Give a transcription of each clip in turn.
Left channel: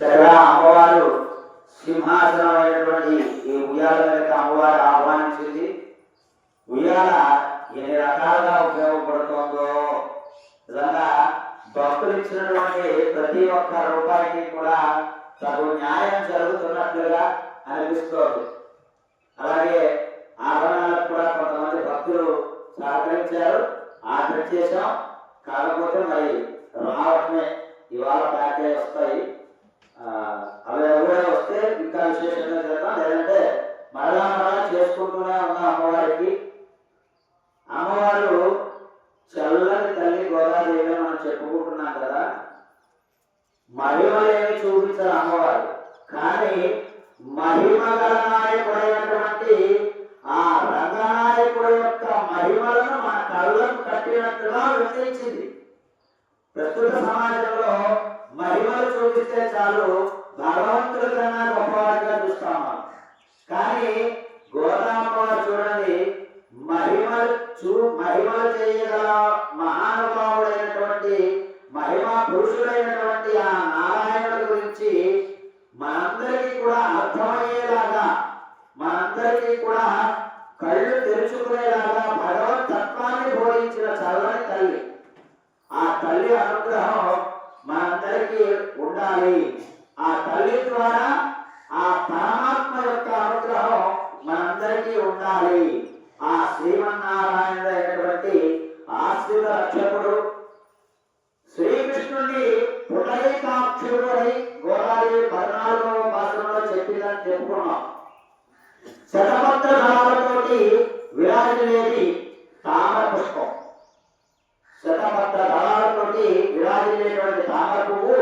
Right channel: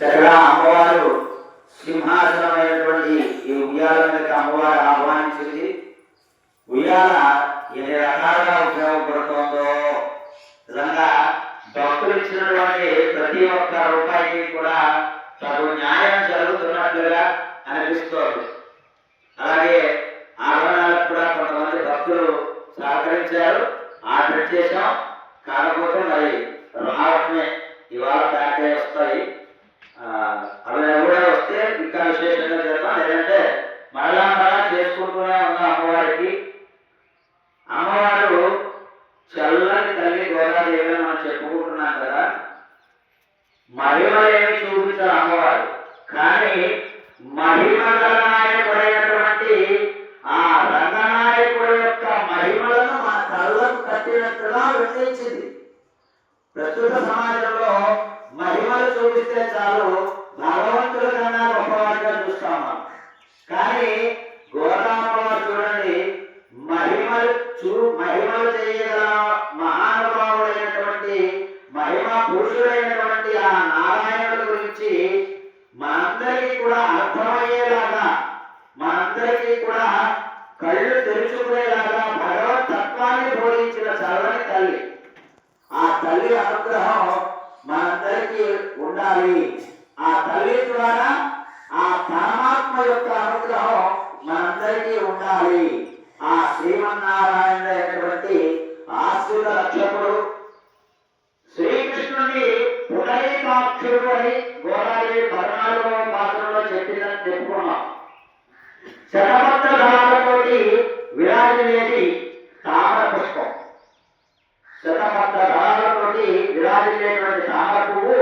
చక్కగా అమ్మవారు సింహాసనమైనటువంటి ఈ ఉయ్యాల యొక్క అమ్మవారు ఆహ్వానించింది. ఉయ్యాల ఎన్ని రకాలుగా ఉపయోగపడుతుందో. నిజంగా భక్తులు ఇచ్చినటువంటి ప్రతి ఒక్క రూపాయికి కూడా తగు న్యాయం జరుగుతున్నట్లుగా అనిపిస్తోంది. అలాగే ఆభరణాలకు కూడా కొంతమంది భక్తులు సహకరించారు. ఆర్డర్ చేశాం. కాకపోతే మరి రావటమే ఇవాళ ప్యాక్ అయి వస్తాయి ఆ, అవి కూడా వస్తే ఇంకా విశేషంగా చేద్దాం లేదంటే మరలా మరలా చేసుకుంటూనే ఉన్నాం అమ్మవారికి అమ్మవారు చల్లని తల్లి గోదాదేవి అని మనం చెప్పుకుంటున్నాం కదా మహిమలేమి చూపించారు అమ్మవారు కానీ మహిమ గల నాయకుడైనటువంటి ఆ రంగనాయకుడు యొక్క మహిమలను మన కళ్ళకు కట్టినట్టుగా వివరించింది ప్రస్తుత సమాజంలో మహిమలు చూపిస్తే చాలు భగవంతుల కన్నా గొప్పవాడిగా చూస్తాం కానీ గోదామమ్మ చూడండి మహిమలు చూ మహిమలు చేయగల మహానుభావుడైనటువంటి మహిమ పురుషుడైనటువంటి ఆ నారాయణుడి గురించి మనందరికీ కూడా అర్థమయ్యేలాగా మనందరికీ కూడా కళ్ళు తెరుచుకునేలాగా భగవత్ తత్వాన్ని బోధించిన చదవని తల్లి. తల్లి అనుగ్రహం మనందరికీ ఉండాలి. ఆ తల్లి ద్వారా ఆ పరమాత్మ యొక్క అనుగ్రహం మనందరికీ ఉండాలి. ఆ శ్రీమన్నారాయణ అయినటువంటి ఆశ్రిత రక్షకుడు శ్రీకృష్ణుని పునరేకాక్షుడై గోదావరి పద్నాలుగవ పాత్రలో చెప్పిందని చెప్పుకున్నాం. శతమత్త దళాలతోటి విరాజులేది తామర పుష్పం శతమత్త దళాలతోటి విరాజులేటువంటి తామర పువ్వు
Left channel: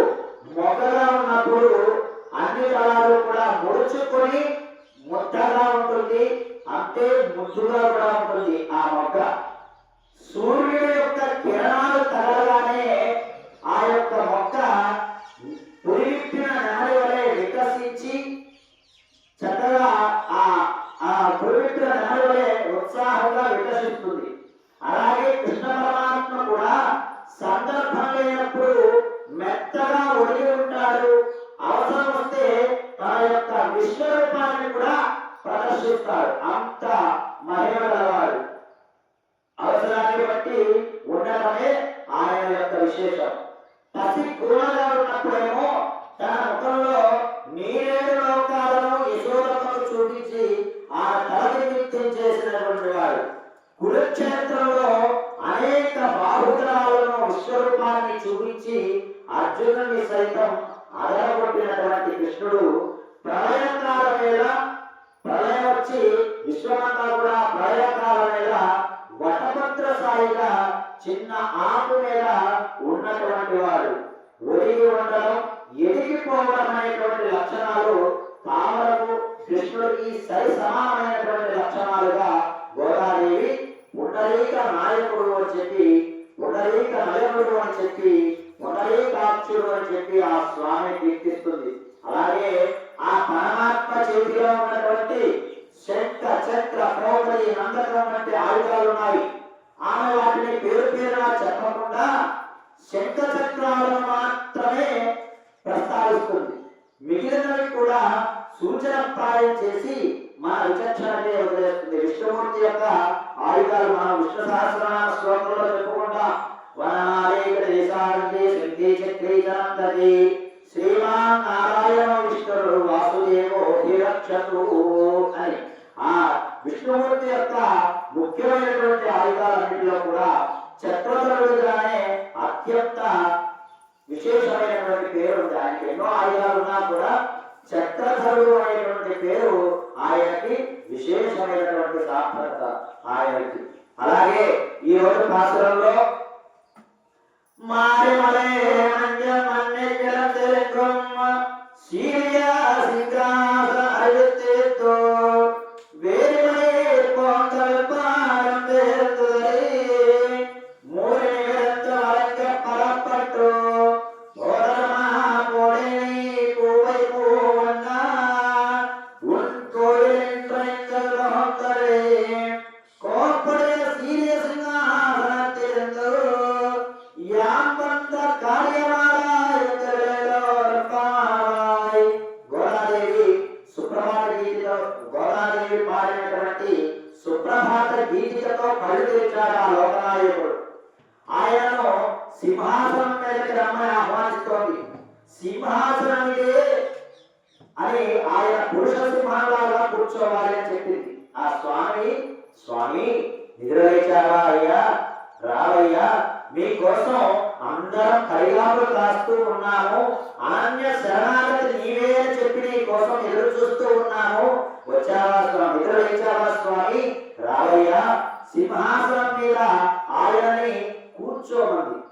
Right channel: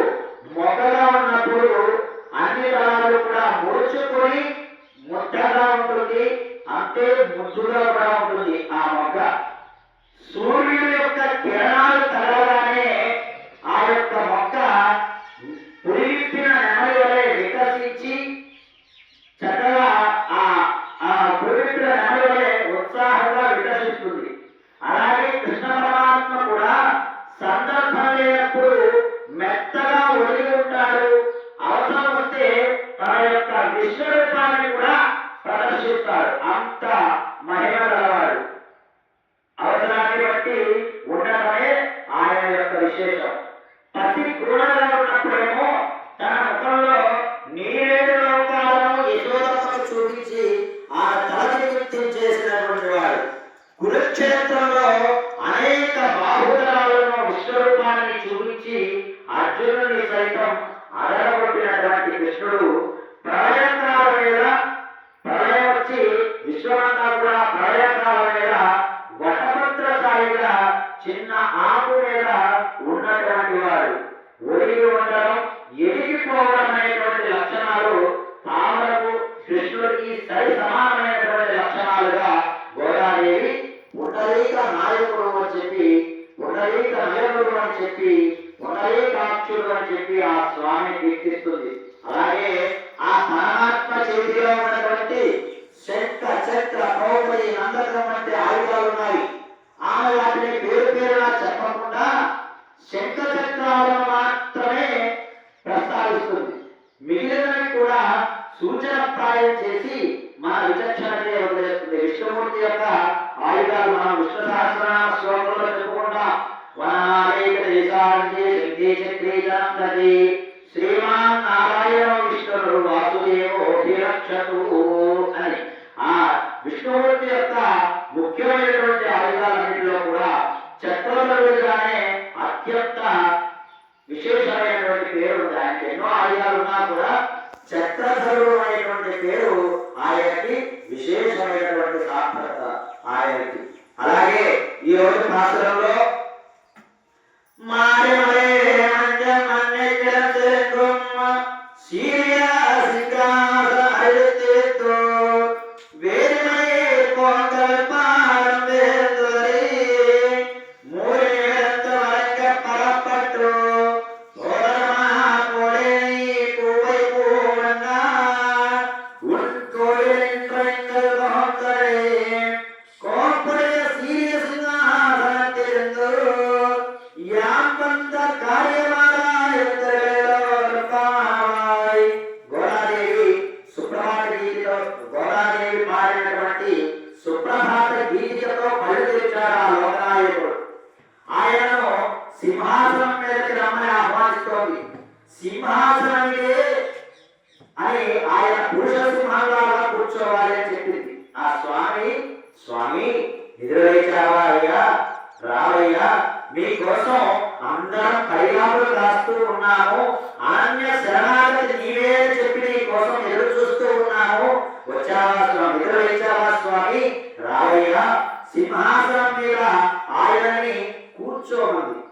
మొగ్గగా ఉన్నప్పుడు అన్ని దళాలు కూడా ముడుచుకొని ముద్దగా ఉంటుంది అంతే ముద్దుగా కూడా ఉంటుంది ఆ మొగ్గ సూర్యుడి యొక్క కిరణాలు తగలగానే ఆ యొక్క మొక్క పురివిప్పిన నెమలి వలె వికసించి చక్కగా ఆ ఆ పురివిప్పిన నెమలి వలె ఉత్సాహంగా వికసిస్తుంది అలాగే కృష్ణ పరమాత్మ కూడా సందర్భం లేనప్పుడు మెత్తగా ఒడిగి ఉంటాడు అవసరం వస్తే తన యొక్క విశ్వరూపాన్ని కూడా ప్రదర్శిస్తాడు అంత మహిమ గలవాడు అవసరాన్ని బట్టి ఉండటమే ఆయన యొక్క విశేషం పసి క్రూరంగా ఉన్నప్పుడేమో తన ముఖంలో నీరేడు లోకాలను యశోదమ్మకు చూపించి ఆ తలని నృత్యం చేసినటువంటి వాడు కురుక్షేత్రంలో అనేక బాహుదరాలను విశ్వరూపాన్ని చూపించి అర్జునుడిని సైతం అదరగొట్టినటువంటి కృష్ణుడు ప్రళయకాల వేళ ప్రళయం వచ్చి విశ్వనాథ కూడా ప్రళయకాల వేళ వటభద్ర సాయిగా చిన్న ఆకు మీద ఉన్నటువంటి వాడు. ఒడిగి ఉండడం ఎదిగిపోవడం అనేటువంటి లక్షణాలు తామరకు కృష్ణుడికి సరి సమానమైన నందకం ఆయుధాలు ఉన్నాయి. ఆమె వాటిని పేరు పేరుగా చెప్పకుండా శంఖ చక్రాలను మాత్రమే ప్రస్తావిస్తుంది. మిగిలినవి కూడా సూచనప్రాయం చేసి మన విచక్షణనే వదిలేస్తుంది. విష్ణుమూర్తి యొక్క ఆయుధాలు మనం విష్ణు సహస్రనామ శ్లోకంలో చెప్పుకుంటాం. వనాలేక దేశాంతే శక్తి చక్రీ శ్రీమాన్ నారాయణ విష్ణుడు వాసుదేవో రక్షతు అని. ఆ విష్ణుమూర్తి యొక్క ముఖ్యమైనటువంటి ఆయుధాలన్నింటిలో కూడా చక్రవర్తిగానే అత్యంత విశేషమైనటువంటి పేరు ఉంది. ఆయనకి ఎన్నో ఆయుధాలు ఉన్నా కూడా చక్రధరుడు అనేటువంటి పేరు ఆయనకి విశేషమైనటువంటి సార్థకత ఆయనకి. అలాగే ఈ రోజు భాషలో మాయమలే సింహాసనం అని ఆయన పురుష సింహంలాగా కూర్చోవాలి అని చెప్పింది. ఆ స్వామి స్వామి నిద్రలేచావా అయ్యా? రావయ్యా మీకోసం అందరం పరిగాములు రాస్తూ ఉన్నాము. అనన్య శరణాగతి నీవే అని చెప్పి నీ కోసం ఎదురు చూస్తూ ఉన్నాము. వచ్చావా స్వామి? నిద్రలేచావా స్వామి? రావయ్యా సింహాసనం మీద ఆయనని కూర్చోమంది.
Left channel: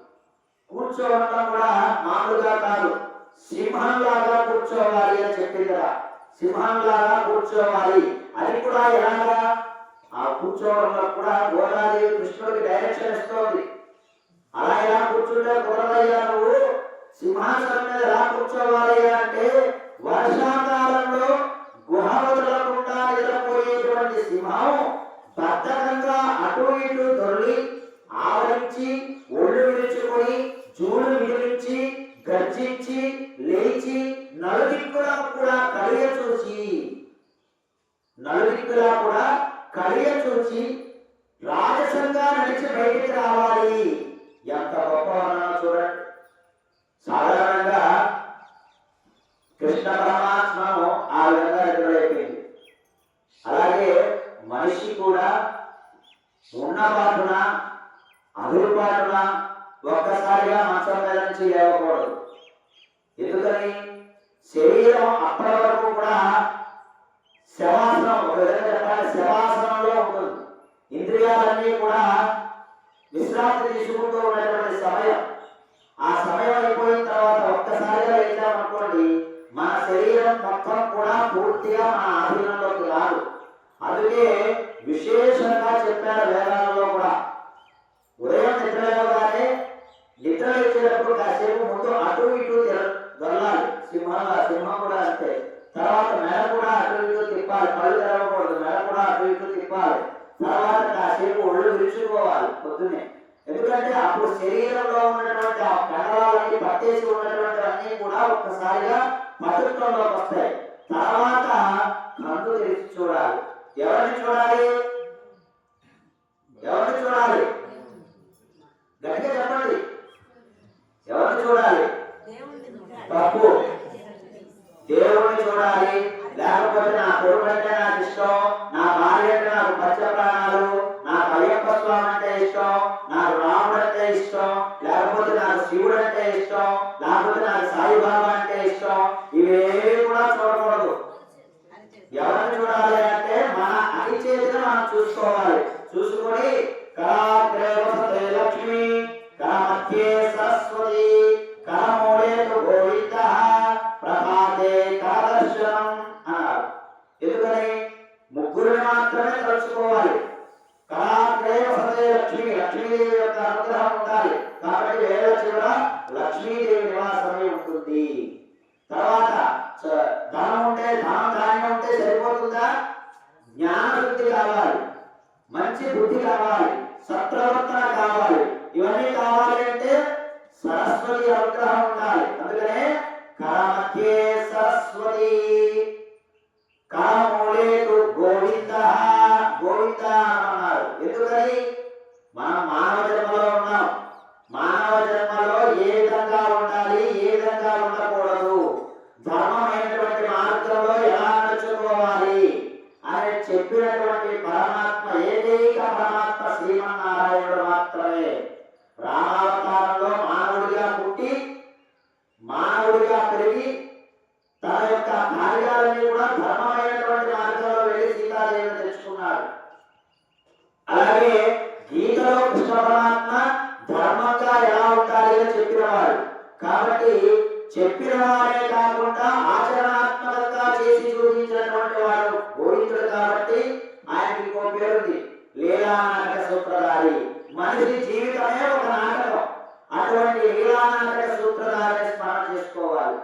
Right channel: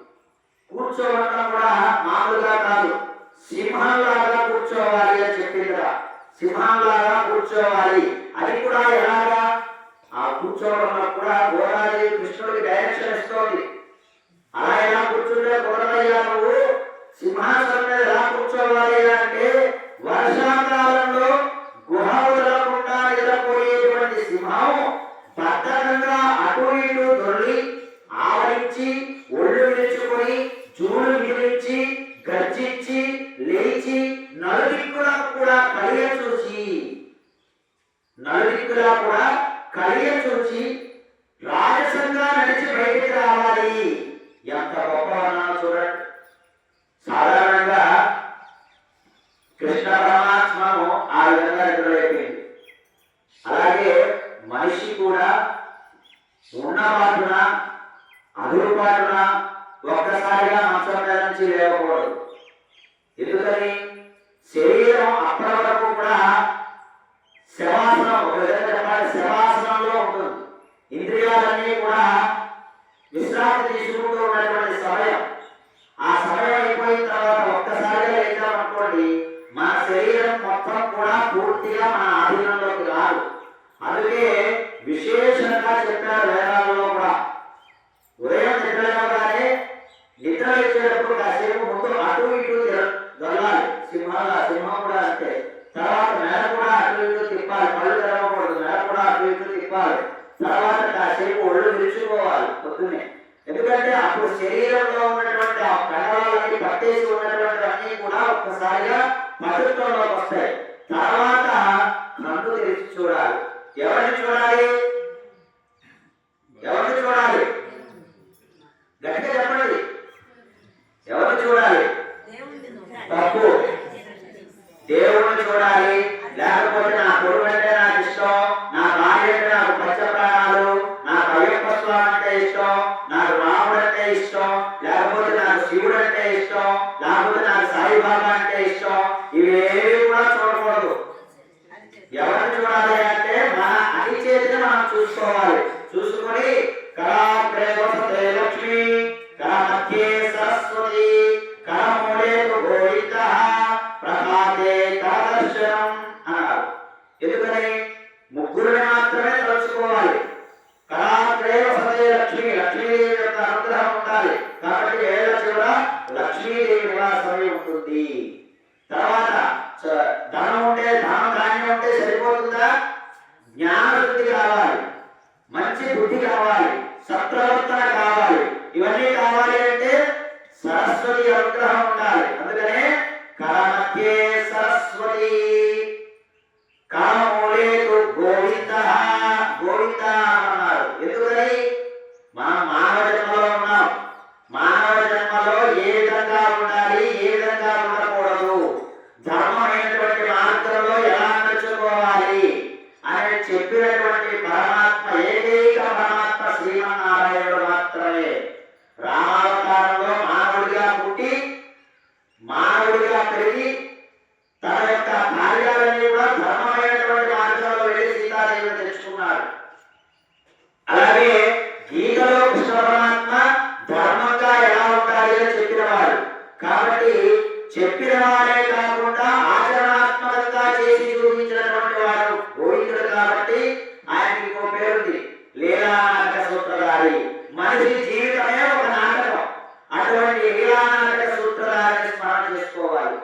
కూర్చోవడం కూడా మామూలుగా కాదు. సింహంలాగా కూర్చోవాలి అని చెప్పింది కదా. సింహంలాగా కూర్చోవాలి. అది కూడా ఎలాగా? ఆ కూర్చోవడంలో కూడా గోదావరి కృష్ణుడికి డైరెక్షన్ ఇస్తోంది. అలా ఎలా కూర్చుంటే కుదరదయ్యా నువ్వు? సింహాసనం మీద ఎలా కూర్చోవాలి అంటే వర్షాకాలంలో గుహ వదలకుండా నిద్రపోయేటువంటి సింహం బద్ధకంగా అటు ఇటు దొర్లి ఆవరించి ఒళ్ళు నలుదిక్కులా కూడా కలియ చూసి రాజసంగా నడిచి బయటికి రావాలి. ఎంత గొప్ప చూడండి. సాధారణంగా కృష్ణ పరమాత్మను ఆ విధంగా ఎదురైపోయింది. అలాగే మనిషి కూడా ఉన్నపాటున అదురుపాటున ఒక్కసారిగా మంచం మీద నుంచి లేవకూడదు. ఎందుకని? శరీరం అప్పటి వరకు కూడా శవాసనం ఒక విధంగా చెప్పాలి శవాసనంలో ఉంటుంది. ఇంద్రియాలన్నీ కూడా విశ్రాంతి తీసుకుంటూ ఉన్నటువంటి సమయం. ఆ సమయం అయిపోయిన తర్వాత ఒక్కసారిగా లేచామనుకోండి మన శరీరం మొత్తం కూడా పూర్తిగా మన ఆధీనంలోకి రాదు. అందుకే విశేషంగా చెప్పారు వేదాలలో కూడా ఉదయం నిద్రలేవగానే నిద్ర లేచేటప్పుడు కాసేపు ముందు అటు ఇటు తిర- దొరలాలి సింహం కూడా అంతే. తర్వాత మెడ కూడా అటు ఇటు తెరవకూడదు మెడ కూడా అటు ఇటు తిప్పాలి తర్వాత కాసేపు ఒళ్ళు విరుచుకోవాలి పొద్దునే ఎందుకంటే అప్పుడు శరీరంలో ఉన్నటువంటి ఆ కండరాలన్నీ పట్టేసి ఉన్నటువంటి అన్ని కూడా ఒక్కసారిగా పటుత్వంలోకి వస్తాయి. తర్వాత కన్ను తెరిచి చూడాలి. ఎవరిని చూడాలి ఎవరిని చూడాలి గట్టిగా చెప్పండి ఎవరిని చూడాలి తప్పు దేవుణ్ణి చూడాలి లేకపోతే నా కొడుకు అంటే నాకు ఇష్టం నా భార్య అంటే నాకు పచ్చ ప్రాణాలు నాకు అయ్యప్ప స్వామి అంటే ఇష్టం నాకు రాముడు అంటే ఇష్టం లేకపోతే నాకు శివుడు అంటే ఇష్టం లేకపోతే నాకు సాయిబాబా అంటే ఇష్టం ఇవేవి కూడా చూడకూడదు ఎవరిని చూడాలి అంటే మన చేసినా మనం చూసుకోవాలి. చూసుకొని కళాగ్రే లక్ష్మి కళమధ్యే సరస్వతి కళమూలే గోవింద ప్రభాతే కళదర్శనం అన్నారు. ఎందుకని? ముగ్గురిని మాత్రమే తలుచుకోవాలి. కళాగ్రే లక్ష్మి లక్ష్మీదేవి యొక్క అనుగ్రహం ఉండాలి. కాబట్టి వేళ కూడా లక్ష్మీదేవి నివాసమే ఉంటుంది. తర్వాత ధనం ఉంటే ధనం ధాన్యం ఉంటే సరిపోతుందా? జ్ఞానం మంచి బుద్ధి కావాలి సత్ప్రవర్తన కావాలి. ఇవన్నీ కావాలి అంటే సరస్వతి అనుగ్రహం ఉండాలి. అందుకనే కళమధ్యే సరస్వతి. కామ గోవింద గోవింద అన్నారు ఎందుకని మనం మానవ జన్మలో ఉన్నాం మానవ జన్మలో ఏ విధంగా ఉండాలి ఏ విధంగా ఉండకూడదు ధర్మమైనటువంటి మార్గంలో ఎలా నడుచుకోవాలి అని చెప్పినటువంటి పరమాత్మ ఏకైక పరమాత్మ శ్రీమన్నారాయణుడు మాత్రమే రామావతారంలో మానవుడిగా పుట్టి మానవుడిగా పెరిగి తన యొక్క కార్యాలన్నీ కూడా ధర్మమైనటువంటి మార్గంలో వెళ్ళి సీతాదేవిని తెచ్చుకున్నాడు అలాగే గీతలో కృష్ణ పరమాత్మ ధర్మంగా ఎలా ఉండాలి అని చెప్పినవాడు కాబట్టి చెప్పిన వాడే కాకుండా ఆచరణాత్మకంగా చేసి చూపించినటువంటి వాడు గోవిందుడు కాబట్టి ఆయనకి ఇంకో పేరుంది లీలా నాటక సూత్రధారి మనిషి జీవితమే ఒక నాటకం అటువంటి లీలా నాటక సూత్రధారిని స్మరణ చేసుకోవాలి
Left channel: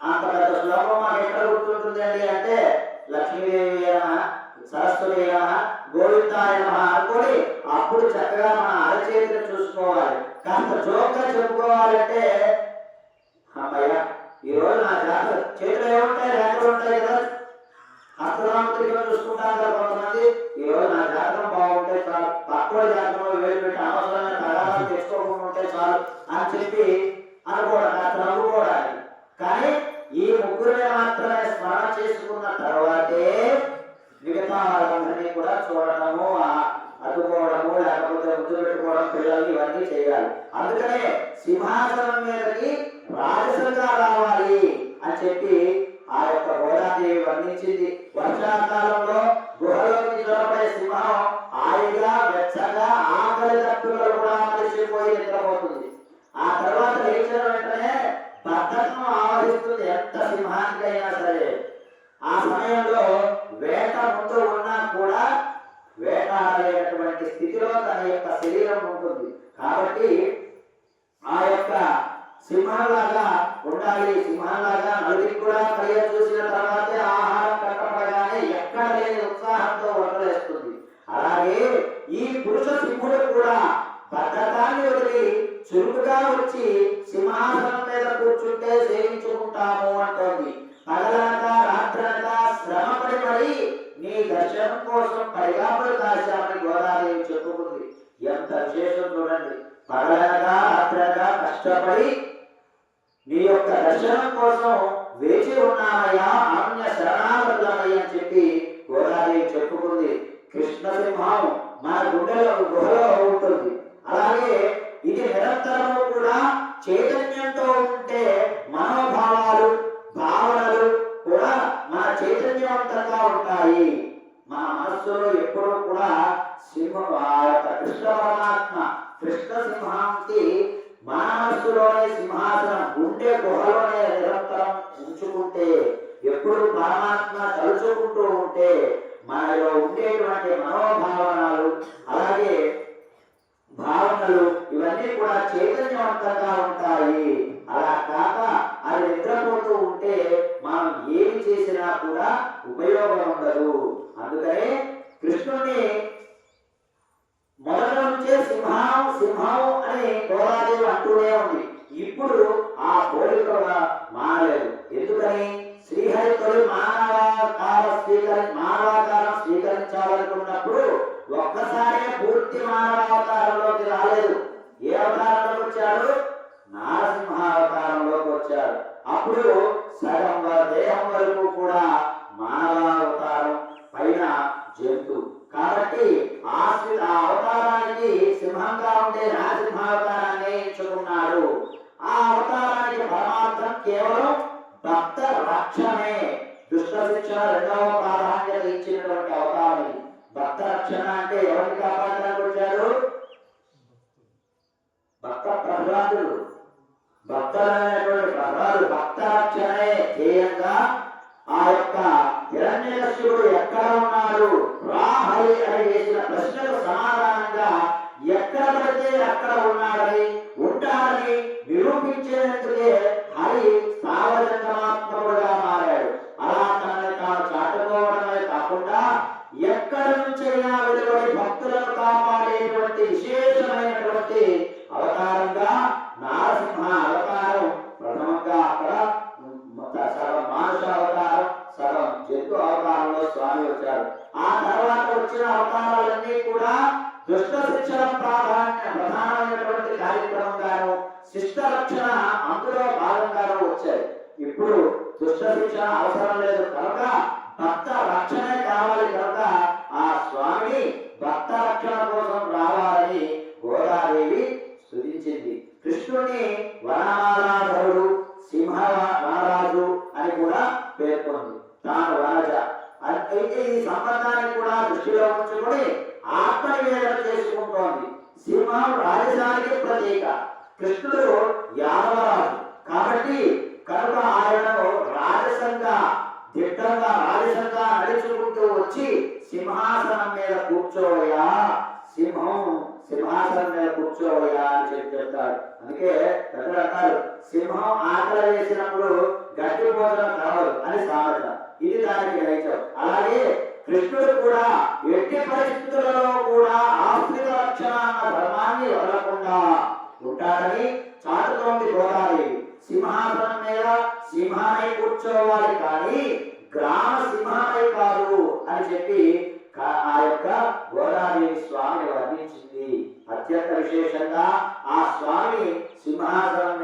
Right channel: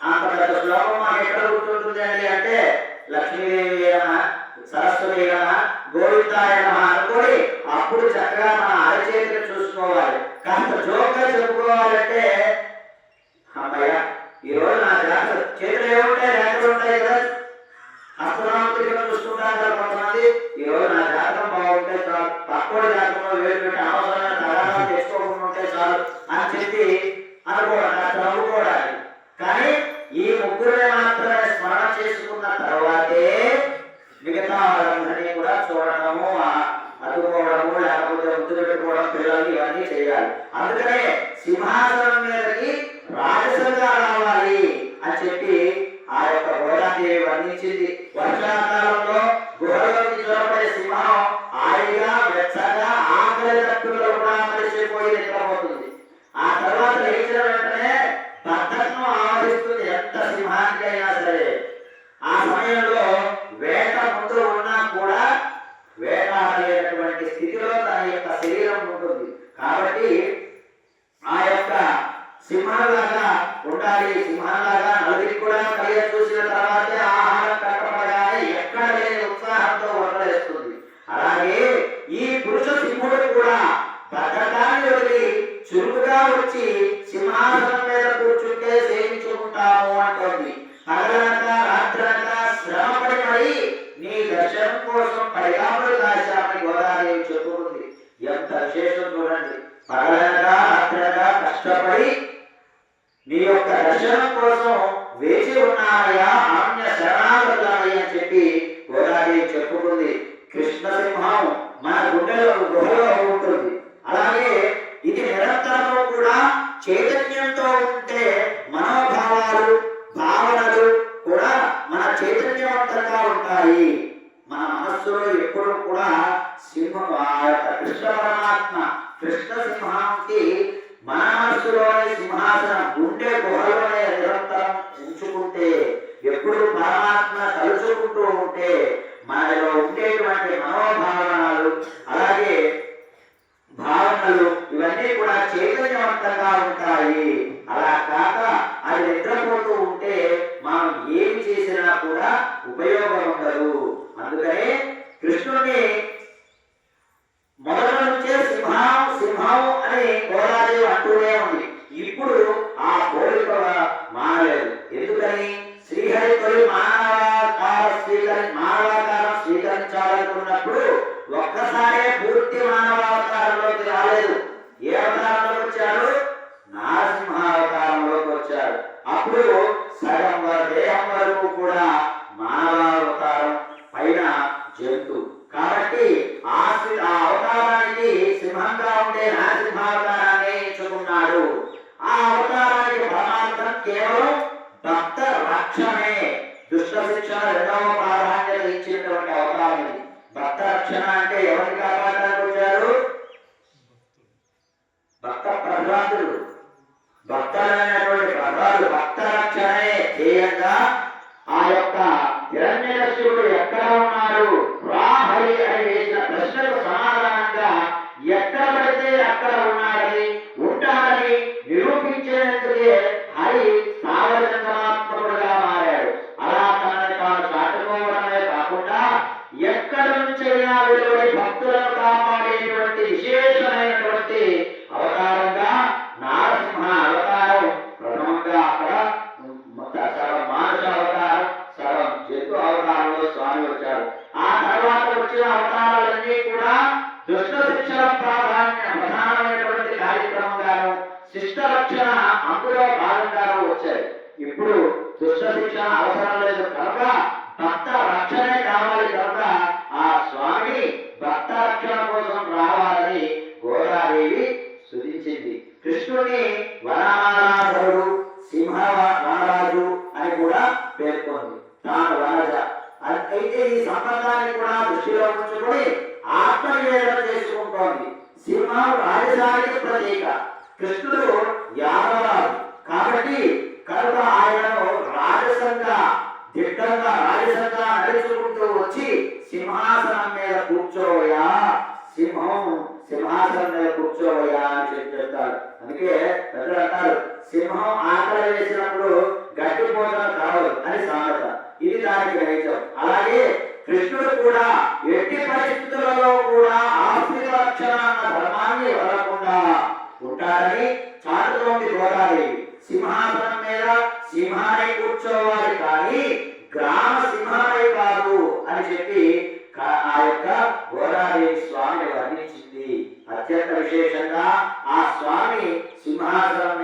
అంత పెద్ద శ్లోకం మాకు ఎక్కడ గుర్తుంటుంది అండి అంటే లక్ష్మీదేవి అయినా సరస్వతి అయినా గోవిందాయ అనుకోని అప్పుడు చక్కగా మన అరచేతిని చూసుకోవాలి కాస్త జోక్గా చెప్పుకోవాలంటే అమ్మయ్య ఈ రోజు నా జాతర చేతులు ఏముంటాయి? రేఖలు ఉంటాయి కదా. హస్తనామతిగా చూసుకుంటాను కదా కొంతమంది. ఈ రోజు నా జాతకం బాగుంటే చాలు. తక్కువ జాతకంలో వేలు పెట్టి అనవసరమైన తగాదాలు తెచ్చుకోకుండా ఉంటే చాలు అని చెప్పి అనుకోవడం కాస్త కానీ ఈ ముగ్గురిని మాత్రమే స్మరణ చేసుకున్న తర్వాతే మిగతా వాళ్ళందరినీ కూడా చూడటము ఆ- లేకపోతే ఒత్తిడి పెట్టుకోవడం పిల్లలు ఇవన్నీ చేయాలి. అందుకనే సింహాసనం మీదకి రాజసంగా రావాలి అని చెప్పి ఆ యొక్క గోదాదేవి వర్ణించింది. వర్షాకాలంలో గుహలోకి చూడబడే సింహం హాయిగా వెచ్చగా ఆకలి తట్టులో కూడా మరిచిపోయి నిద్రపోతుంది. ఆ తర్వాత లేచిన వెంటనే బద్ధకం ఆవరిస్తుంది ఎంత సింహానికైనా సరే. ఆ సమయంలో వేట ముందు ఉన్నా కూడా వేటాడేటటువంటి స్థితిలో తన యొక్క శరీరం ఉంటుంది. కాబట్టి ఆ యొక్క సింహంలాగా ఉండాలి. సింహంలాగా నలుగురికి కూడా కలిగ చూసిన తర్వాతే ఆహారం కట్టపడగానే ఎక్కడ లేని ఉత్సాహంతో వంటలేస్తుంది అలాగే ఈ పురుష సింహుడు కూడా బద్ధకాన్ని వదిలి చురుకుగా వచ్చి సింహాసనం మీద కూర్చుంటే సేవించుకుంటాము అంటోంది పగలనక రాత్రనక శ్రమపడి మరి నీ దర్శనం కోసం పరిగాములు కాశామని గోదాదేవి చెప్పుకుంది ఎంత విశేషం చూడండి. పగలగా రాత్రనక కష్టపడి నీ యొక్క దర్శనం కోసం వేచి ఉన్నామయ్యా అన్య శరణాగతులమయ్య అని చెప్పి గోదావరి చెప్పుకుంది. కృష్ణసింహం మన గుండెలో గుహలో ఉంటుంది. అలాగే ఇది నిరంతరము కూడా చైతన్యంతో ఉంటే మనోభావాలు భావనలు కూడా మన చైతన్యవంతంగా ఉంటాయి. మన మనస్సులో ఎప్పుడూ కూడా సింహం కృష్ణ పరమాత్మ. కృష్ణ సింహానికి మన మనస్సులోనే సింహాసనం గుండె గుహలోనే నిరంతరం ఉంచుకుంటే ఎప్పుడు పరమాత్మ తలుచుకుంటూ ఉంటే మనలో ఉండేటువంటి మనోభావనలు అలాగే భావనలు ఇవన్నీ కూడా చైతన్యవంతంగా ఉంటాయి. అలా కాక అది నిద్రపోతూ ఉంటే మనం ఏమి చేసినా కూడా ఉపయోగం ఉండదు. అందుకనే కృష్ణుడిని మొదట నుంచే సింహం సింహం అని గోదాదేవి అంటూనే ఉంది ఇప్పుడు ఆ కోరిక మారలేదు. ఎందుకని? శ్రీహరి మానవాకారం స్వీకరి మానవాకారం స్వీకరించాలనుకున్నప్పుడు ఒక్కసారే పూర్తి మానవాకారంలోకి రాలేదు. ఏ అవతారంలోకి వచ్చాడు నారసింహావతారంలోకి వచ్చాడు అప్పుడు సగం దేహం వరకు కూడా మానవావతారం పైన ఉన్నాడు రా హరి అని వేసిన ప్రశ్నకు సమాధానంగా ఎక్కడ పడితే అక్కడ ఉన్నారని ఉంటారని నిరూపించేందుకే హరి స్థావరజంగమాత్మకుడుగా మారాడు. అలా తనని తాను చాటుకోవడమే కాకుండా ఎక్కడ నుంచైనా వెలువడి భక్తులను కాపాడేటువంటి విశేషమైనటువంటి అవతారంగా నారసింహ అవతారం ప్రథమంగా అక్కడ మొత్తం సగం మానుష అవతారం సగం జంతు అవతారంలో స్వామి వచ్చారు. తర్వాత వచ్చిన అవతారాలన్నీ కూడా దుష్ట శిక్షణ ప్రాధాన్య ప్రధానమైనటువంటి కార్యక్రమంగాను శిష్ట రక్షణ అందులో భాగంగాను వచ్చాయి. ఇప్పుడు దుష్ట శిక్షణ అవసరం లేదు కనుక భక్త రక్షణే కావాలి కనుక ఆ స్వామి భక్త రక్షణ కోసం రావాలని గోదాదేవి స్తుతించింది కృష్ణుని వనమాలాధరుడు సింహ మహారాజు అని కూడా పేర్కొంది తాను వనజ అయితే ఈ సంబంధాన్ని కూడా దృష్టిలో ఆత్మవేదన చేసుకుంటోంది. సింహం రాజధానికి ప్రతీక. కృష్ణుడు యాదవరాజు. కాబట్టి కనుక ఆయనను రాజసంగా దిట్టంగా రాజసంగా నడుచుకుంటూ వచ్చి సింహాసనం మీద కూర్చోవయా సింహం సింహాసనం మీద కూర్చోవయా అని చెప్పి చెప్తారు అందుకే ప్రజలు అంటారు సింహం ఆకలి వేసినప్పుడు గట్టి భోజనం కావదు అని సామెత. ఇది దానికి గ్రహించం. అలాగే కృష్ణుడు కూడా ఎట్టి పరిస్థితులలో కూడా ఆశీర్వక్షణ ధర్మాన్ని వదలకుండా ఉంటాడని చాటుతోంది గోదాదేవి సింహాసనం మీద సింహాన్ని కూర్చోవాలి కానీ గ్రామ సింహాన్ని కాదు అని చెప్పి ఆ యొక్క గోదావరి స్వామిని వర్ణించింది. అత్యంత విశేషంగా ఆ స్వామి సింహాసనం